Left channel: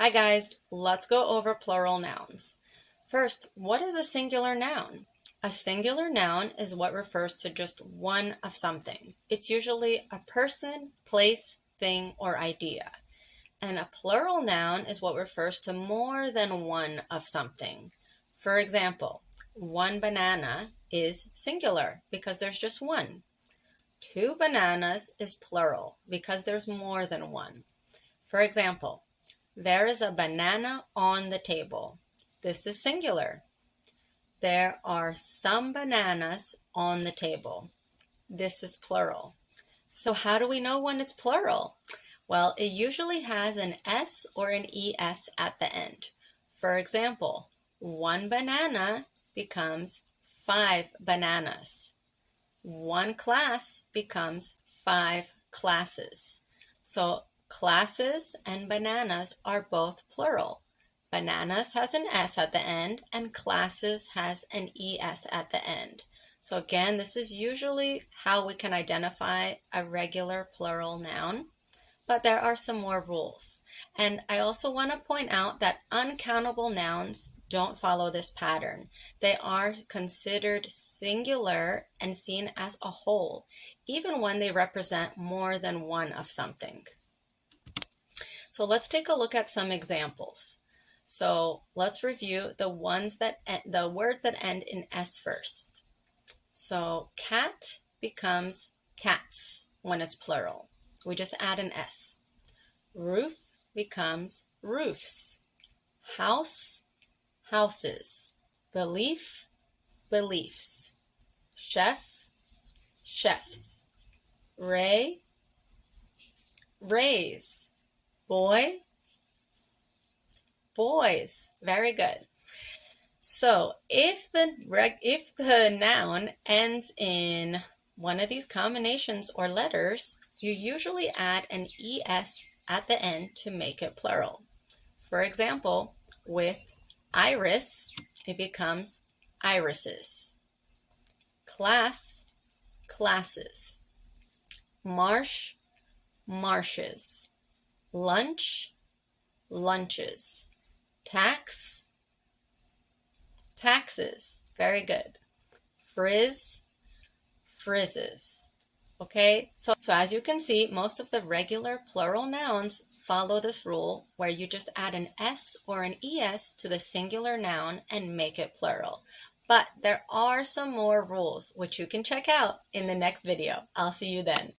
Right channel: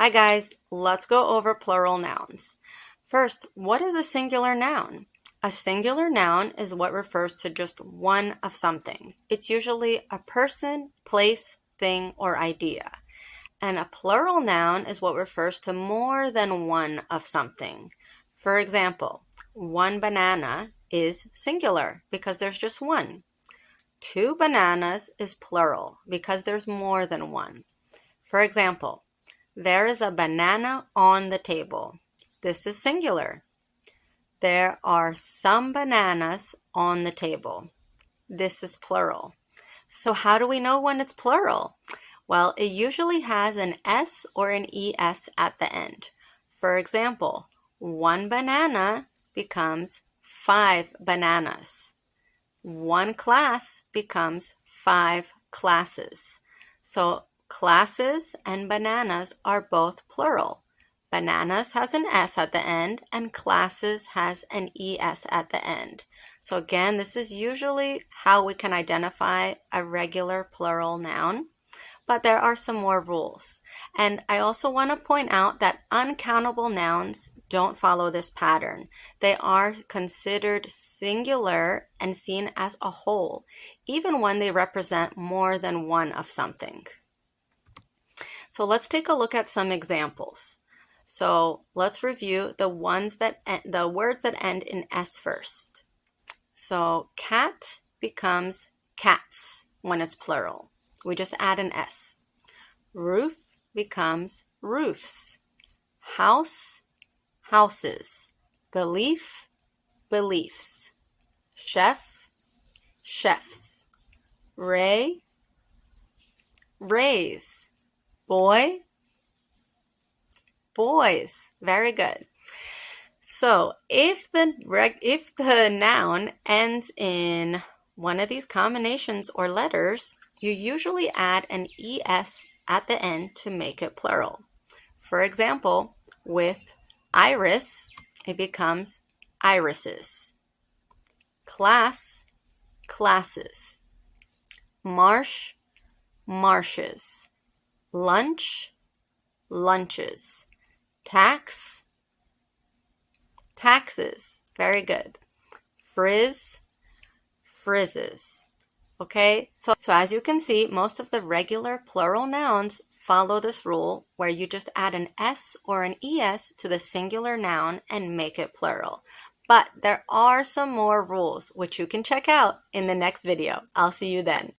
Hi guys, let's go over plural nouns. First, what is a singular noun? A singular noun is what refers to just one of something. It's usually a person, place, thing, or idea. And a plural noun is what refers to more than one of something. For example, one banana is singular because there's just one. Two bananas is plural because there's more than one. For example, there is a banana on the table. This is singular. There are some bananas on the table. This is plural. So how do we know when it's plural? Well, it usually has an S or an ES at the end. For example, one banana becomes 5 bananas. One class becomes 5 classes. So classes and bananas are both plural. Bananas has an S at the end and classes has an ES at the end. So again, this is usually how we can identify a regular plural noun, but there are some more rules. And I also want to point out that uncountable nouns don't follow this pattern. They are considered singular and seen as a whole, even when they represent more than one of something. So let's take a look at some examples. So let's review the words that end in S first. So cat becomes cats when it's plural. We just add an S. Roof becomes roofs. House, houses. Belief, beliefs. Chef, chefs. Ray, rays. Boy, boys. Very good. So if the noun ends in one of these combinations or letters, you usually add an ES at the end to make it plural. For example, with iris, it becomes irises. Class, classes. Marsh, marshes. Lunch, lunches. Tax, taxes. Very good. Frizz, frizzes. Okay, so as you can see, most of the regular plural nouns follow this rule where you just add an S or an ES to the singular noun and make it plural. But there are some more rules which you can check out in the next video. I'll see you then.